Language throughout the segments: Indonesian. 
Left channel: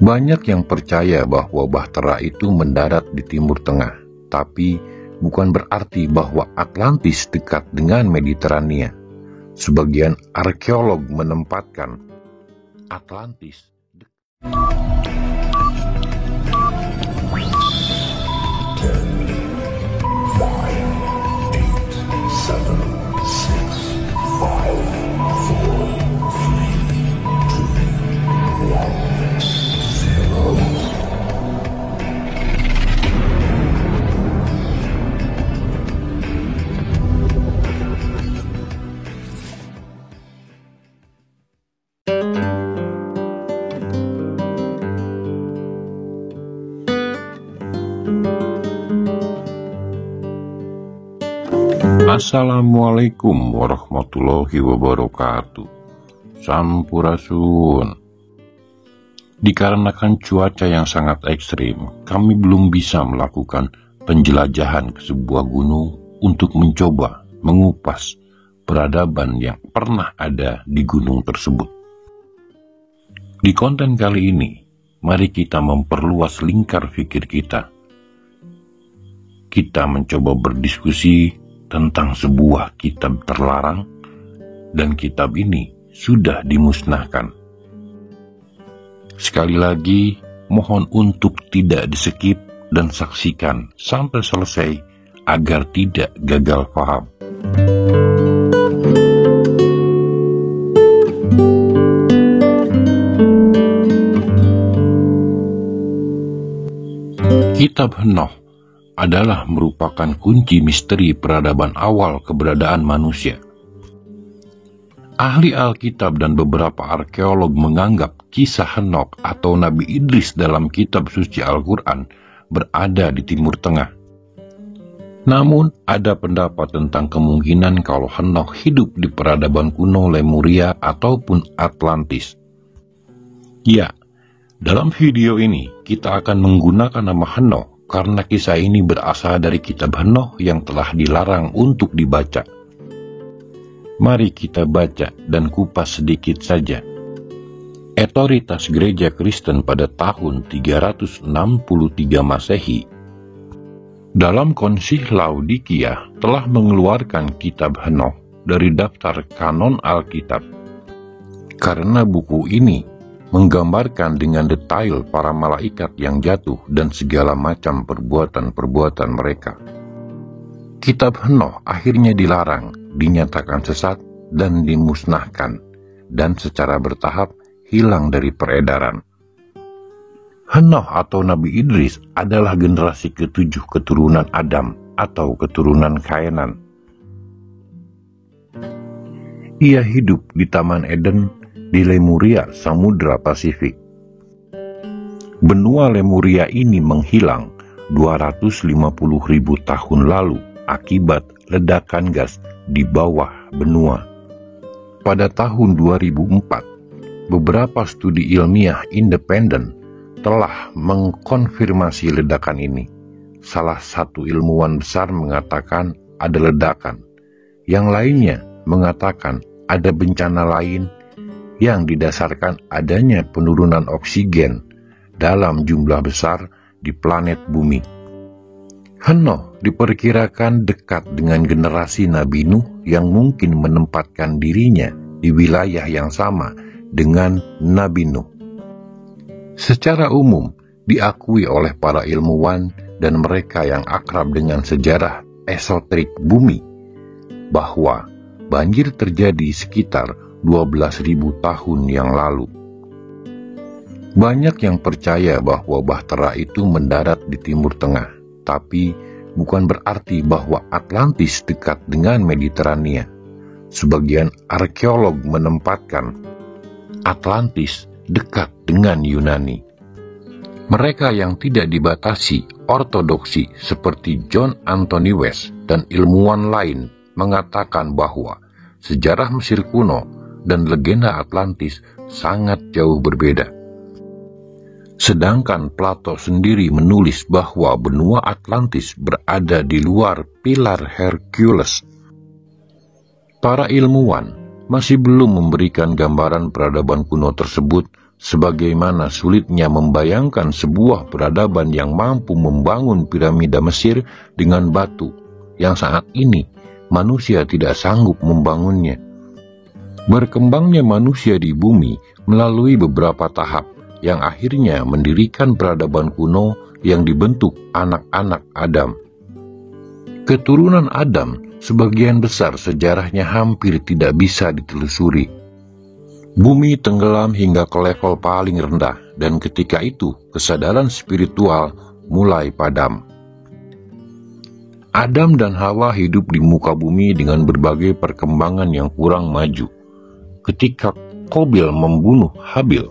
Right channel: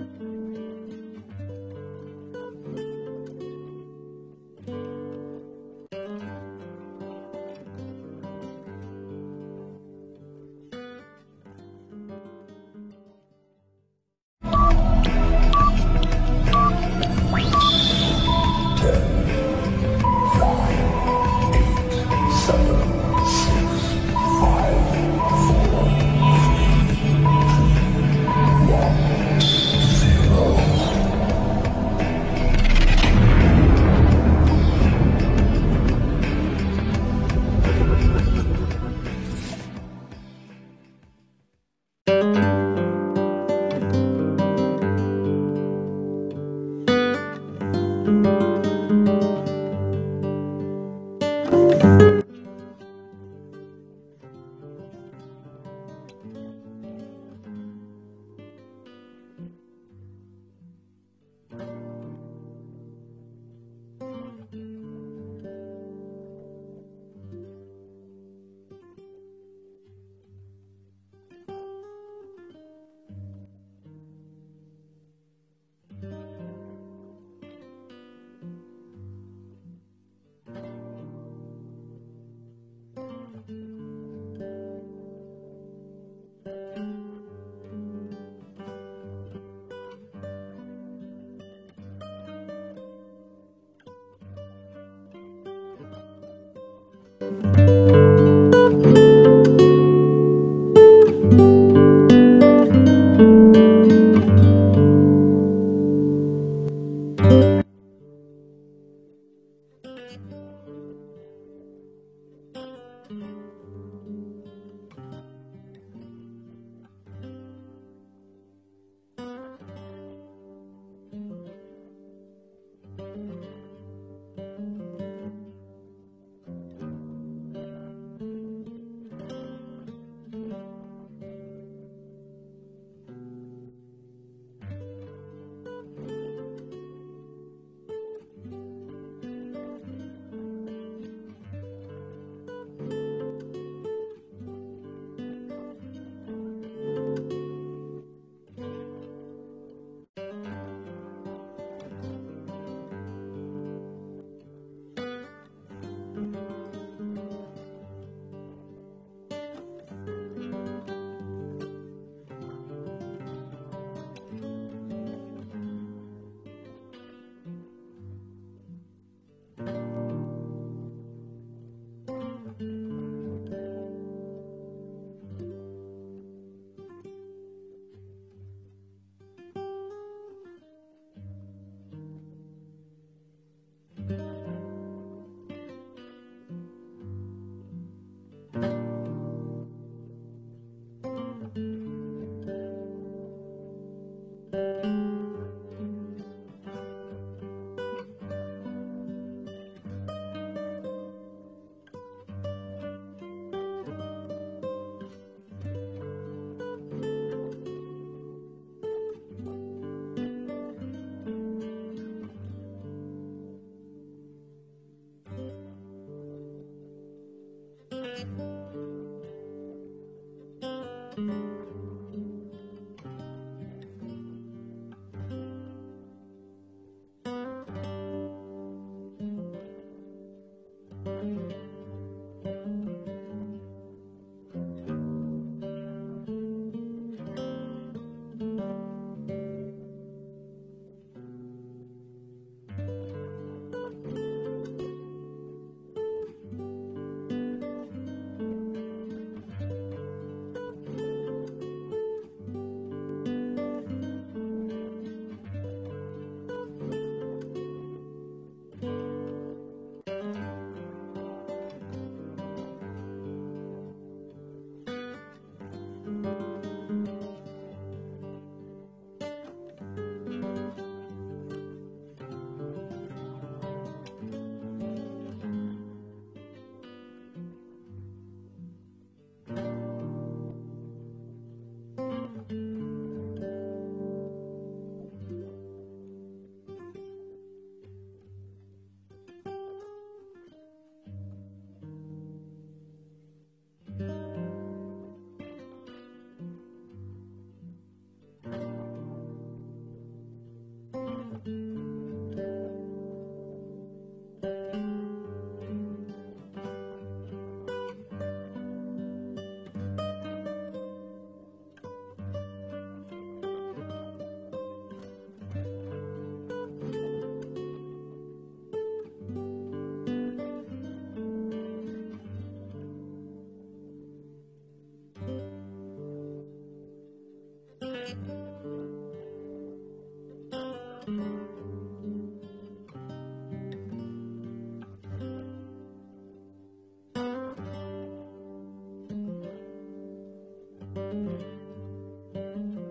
Banyak yang percaya bahwa Bahtera itu mendarat di Timur Tengah, tapi bukan berarti bahwa Atlantis dekat dengan Mediterania. Sebagian arkeolog menempatkan Atlantis Assalamualaikum warahmatullahi wabarakatuh. Sampurasun. Dikarenakan cuaca yang sangat ekstrim, kami belum bisa melakukan penjelajahan ke sebuah gunung untuk mencoba mengupas peradaban yang pernah ada di gunung tersebut. Di konten kali ini, mari kita memperluas lingkar pikir kita. Kita mencoba berdiskusi tentang sebuah kitab terlarang, dan kitab ini sudah dimusnahkan. Sekali lagi, mohon untuk tidak di-skip dan saksikan sampai selesai agar tidak gagal paham. Kitab Henoh adalah merupakan kunci misteri peradaban awal keberadaan manusia. Ahli Alkitab dan beberapa arkeolog menganggap kisah Henokh atau Nabi Idris dalam kitab suci Al-Quran berada di Timur Tengah. Namun, ada pendapat tentang kemungkinan kalau Henokh hidup di peradaban kuno Lemuria ataupun Atlantis. Ya, dalam video ini kita akan menggunakan nama Henokh karena kisah ini berasal dari kitab Henoh yang telah dilarang untuk dibaca. Mari kita baca dan kupas sedikit saja. Otoritas Gereja Kristen pada tahun 363 Masehi dalam Konsili Laodikia telah mengeluarkan kitab Henoh dari daftar kanon Alkitab. Karena buku ini menggambarkan dengan detail para malaikat yang jatuh dan segala macam perbuatan-perbuatan mereka. Kitab Henoh akhirnya dilarang, dinyatakan sesat, dan dimusnahkan, dan secara bertahap hilang dari peredaran. Henoh atau Nabi Idris adalah generasi ke-7 keturunan Adam atau keturunan Kaenan. Ia hidup di Taman Eden di Lemuria, Samudra Pasifik. Benua Lemuria ini menghilang 250.000 tahun lalu akibat ledakan gas di bawah benua. Pada tahun 2004, beberapa studi ilmiah independen telah mengkonfirmasi ledakan ini. Salah satu ilmuwan besar mengatakan ada ledakan, yang lainnya mengatakan ada bencana lain yang didasarkan adanya penurunan oksigen dalam jumlah besar di planet bumi. Henoh diperkirakan dekat dengan generasi Nabi Nuh yang mungkin menempatkan dirinya di wilayah yang sama dengan Nabi Nuh. Secara umum diakui oleh para ilmuwan dan mereka yang akrab dengan sejarah esoterik bumi bahwa banjir terjadi sekitar 12.000 tahun yang lalu. Banyak yang percaya bahwa Bahtera itu mendarat di Timur Tengah, tapi bukan berarti bahwa Atlantis dekat dengan Mediterania. Sebagian arkeolog menempatkan Atlantis dekat dengan Yunani. Mereka yang tidak dibatasi ortodoksi seperti John Anthony West dan ilmuwan lain mengatakan bahwa sejarah Mesir kuno dan legenda Atlantis sangat jauh berbeda. Sedangkan Plato sendiri menulis bahwa benua Atlantis berada di luar pilar Hercules. Para ilmuwan masih belum memberikan gambaran peradaban kuno tersebut Sebagaimana sulitnya membayangkan sebuah peradaban yang mampu membangun piramida Mesir dengan batu, yang saat ini manusia tidak sanggup membangunnya. Berkembangnya manusia di bumi melalui beberapa tahap yang akhirnya mendirikan peradaban kuno yang dibentuk anak-anak Adam. Keturunan Adam sebagian besar sejarahnya hampir tidak bisa ditelusuri. Bumi tenggelam hingga ke level paling rendah, dan ketika itu kesadaran spiritual mulai padam. Adam dan Hawa hidup di muka bumi dengan berbagai perkembangan yang kurang maju. Ketika Qabil membunuh Habil,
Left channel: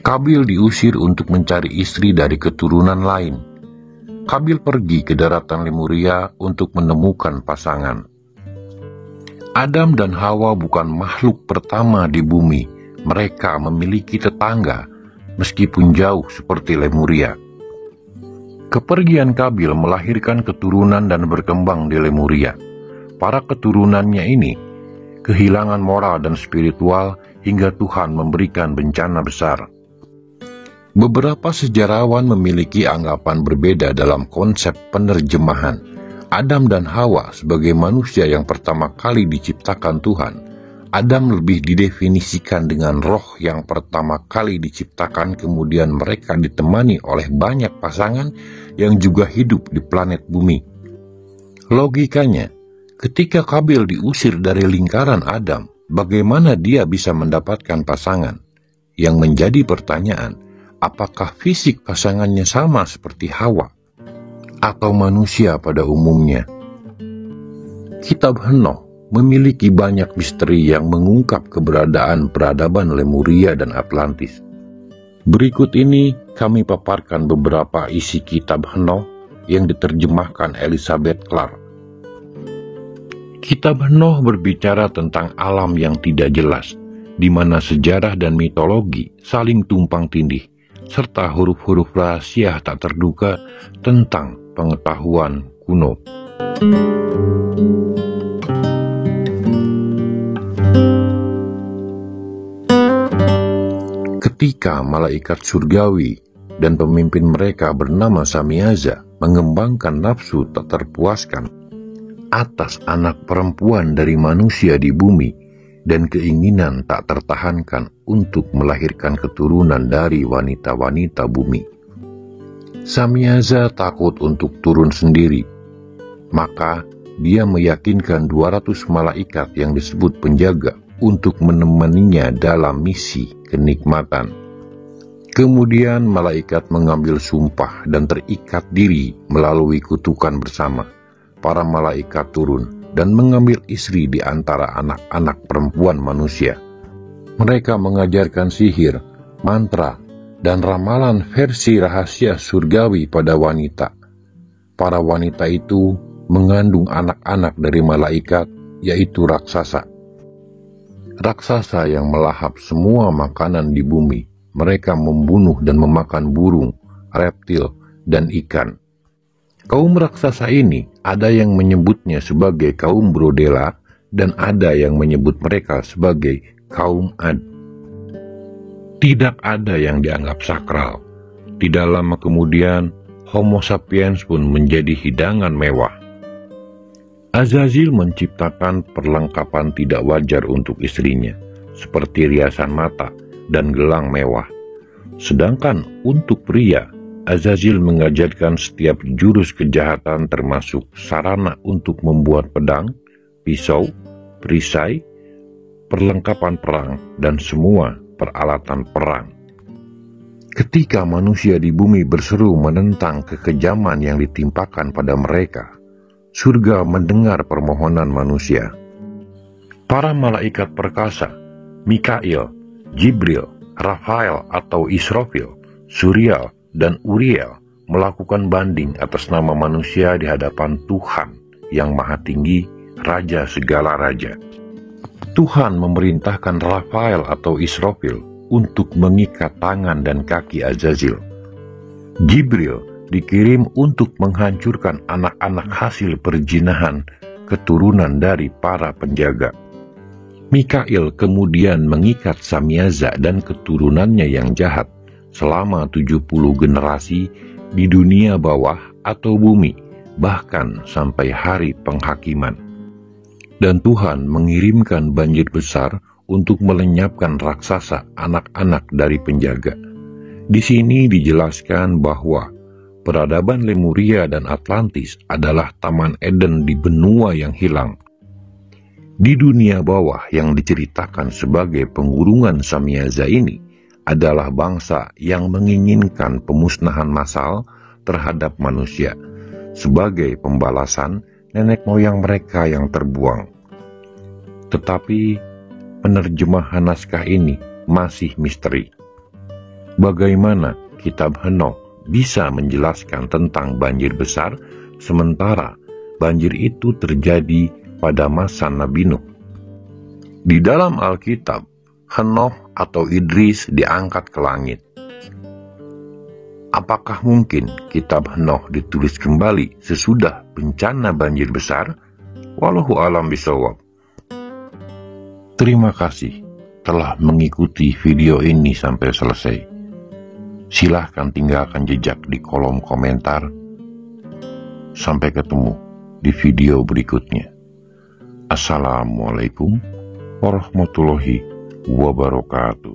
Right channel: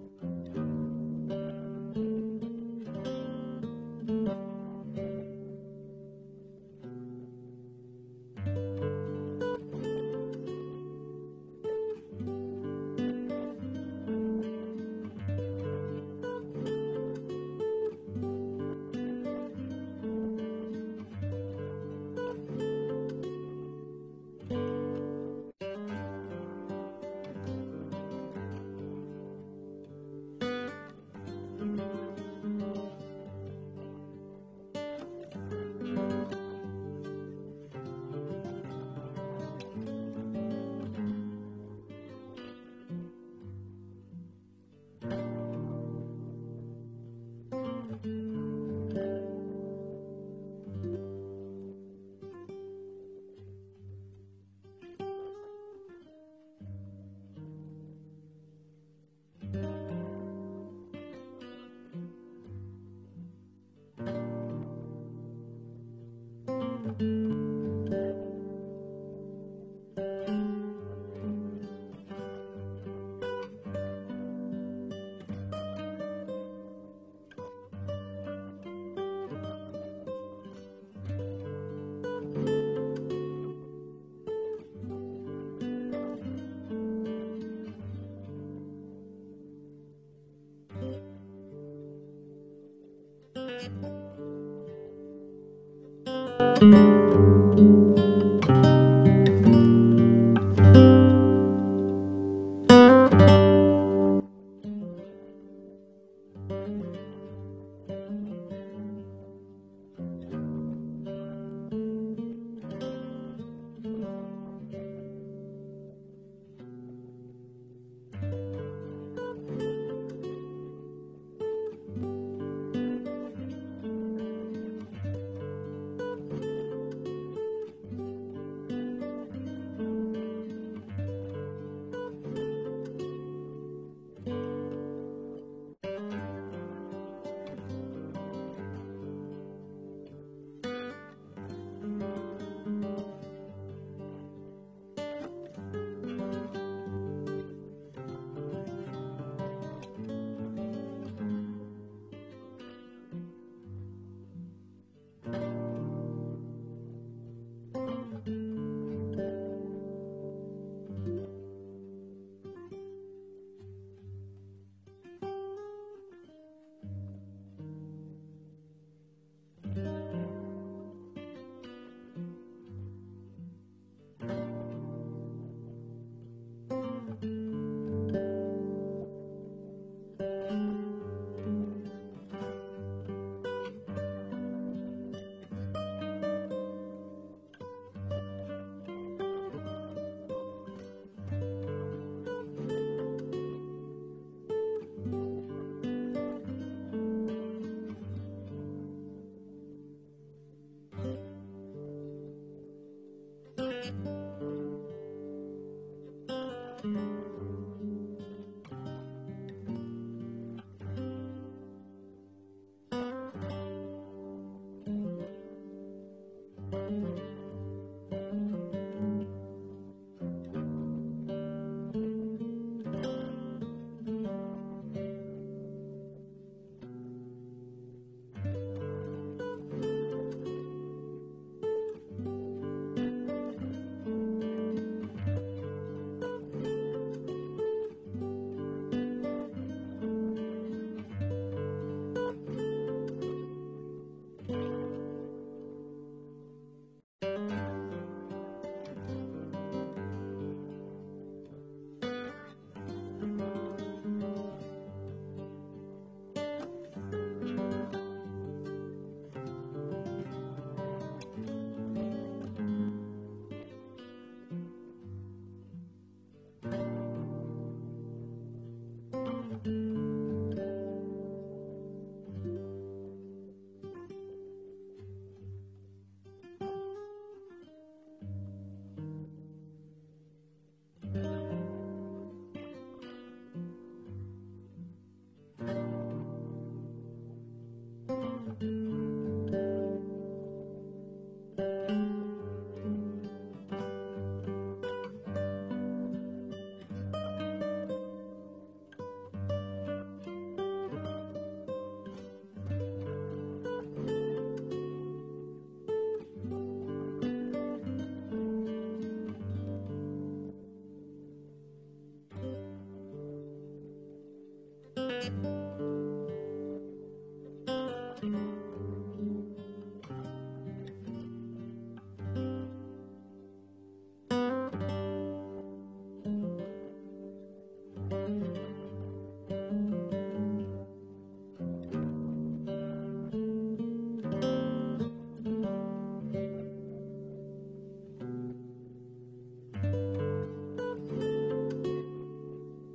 Qabil diusir untuk mencari istri dari keturunan lain. Qabil pergi ke daratan Lemuria untuk menemukan pasangan. Adam dan Hawa bukan makhluk pertama di bumi. Mereka memiliki tetangga, meskipun jauh seperti Lemuria. Kepergian Qabil melahirkan keturunan dan berkembang di Lemuria. Para keturunannya ini kehilangan moral dan spiritual hingga Tuhan memberikan bencana besar. Beberapa sejarawan memiliki anggapan berbeda dalam konsep penerjemahan. Adam dan Hawa sebagai manusia yang pertama kali diciptakan Tuhan. Adam lebih didefinisikan dengan roh yang pertama kali diciptakan, kemudian mereka ditemani oleh banyak pasangan yang juga hidup di planet bumi. Logikanya, ketika Qabil diusir dari lingkaran Adam, bagaimana dia bisa mendapatkan pasangan? Yang menjadi pertanyaan, apakah fisik pasangannya sama seperti Hawa atau manusia pada umumnya? Kitab Henoh memiliki banyak misteri yang mengungkap keberadaan peradaban Lemuria dan Atlantis. Berikut ini kami paparkan beberapa isi kitab Henoh yang diterjemahkan Elizabeth Clark. Kitab Henoh berbicara tentang alam yang tidak jelas, di mana sejarah dan mitologi saling tumpang tindih, serta huruf-huruf rahasia tak terduga tentang pengetahuan kuno. Ketika malaikat surgawi dan pemimpin mereka bernama Samiaza mengembangkan nafsu tak terpuaskan atas anak perempuan dari manusia di bumi dan keinginan tak tertahankan untuk melahirkan keturunan dari wanita-wanita bumi, Samiaza takut untuk turun sendiri. Maka dia meyakinkan 200 malaikat yang disebut penjaga untuk menemaninya dalam misi kenikmatan. Kemudian malaikat mengambil sumpah dan terikat diri melalui kutukan bersama. Para malaikat turun dan mengambil istri di antara anak-anak perempuan manusia. Mereka mengajarkan sihir, mantra, dan ramalan versi rahasia surgawi pada wanita. Para wanita itu mengandung anak-anak dari malaikat, yaitu raksasa. Raksasa yang melahap semua makanan di bumi. Mereka membunuh dan memakan burung, reptil, dan ikan. Kaum raksasa ini ada yang menyebutnya sebagai kaum Brodela dan ada yang menyebut mereka sebagai kaum Ad. Tidak ada yang dianggap sakral. Tidak lama kemudian, Homo sapiens pun menjadi hidangan mewah. Azazil menciptakan perlengkapan tidak wajar untuk istrinya, seperti riasan mata dan gelang mewah. Sedangkan untuk pria, Azazil mengajarkan setiap jurus kejahatan termasuk sarana untuk membuat pedang, pisau, perisai, perlengkapan perang, dan semua peralatan perang. Ketika manusia di bumi berseru menentang kekejaman yang ditimpakan pada mereka, surga mendengar permohonan manusia. Para malaikat perkasa, Mikail, Jibril, Rafael atau Israfil, Suriel, dan Uriel melakukan banding atas nama manusia di hadapan Tuhan yang Maha Tinggi, Raja segala raja. Tuhan memerintahkan Rafael atau Israfil untuk mengikat tangan dan kaki Azazil. Jibril dikirim untuk menghancurkan anak-anak hasil perzinahan keturunan dari para penjaga. Mikail kemudian mengikat Samiaza dan keturunannya yang jahat selama 70 generasi di dunia bawah atau bumi, bahkan sampai hari penghakiman. Dan Tuhan mengirimkan banjir besar untuk melenyapkan raksasa anak-anak dari penjaga. Di sini dijelaskan bahwa peradaban Lemuria dan Atlantis adalah Taman Eden di benua yang hilang. Di dunia bawah yang diceritakan sebagai pengurungan Samiaza ini adalah bangsa yang menginginkan pemusnahan massal terhadap manusia sebagai pembalasan nenek moyang mereka yang terbuang. Tetapi penerjemahan naskah ini masih misteri. Bagaimana kitab Henokh bisa menjelaskan tentang banjir besar sementara banjir itu terjadi pada masa Nabi Nuh? Di dalam Alkitab, Henokh atau Idris diangkat ke langit. Apakah mungkin kitab Henokh ditulis kembali sesudah bencana banjir besar? Wallahu a'lam bishawab. Terima kasih telah mengikuti video ini sampai selesai. Silahkan tinggalkan jejak di kolom komentar. Sampai ketemu di video berikutnya. Assalamualaikum warahmatullahi wabarakatuh.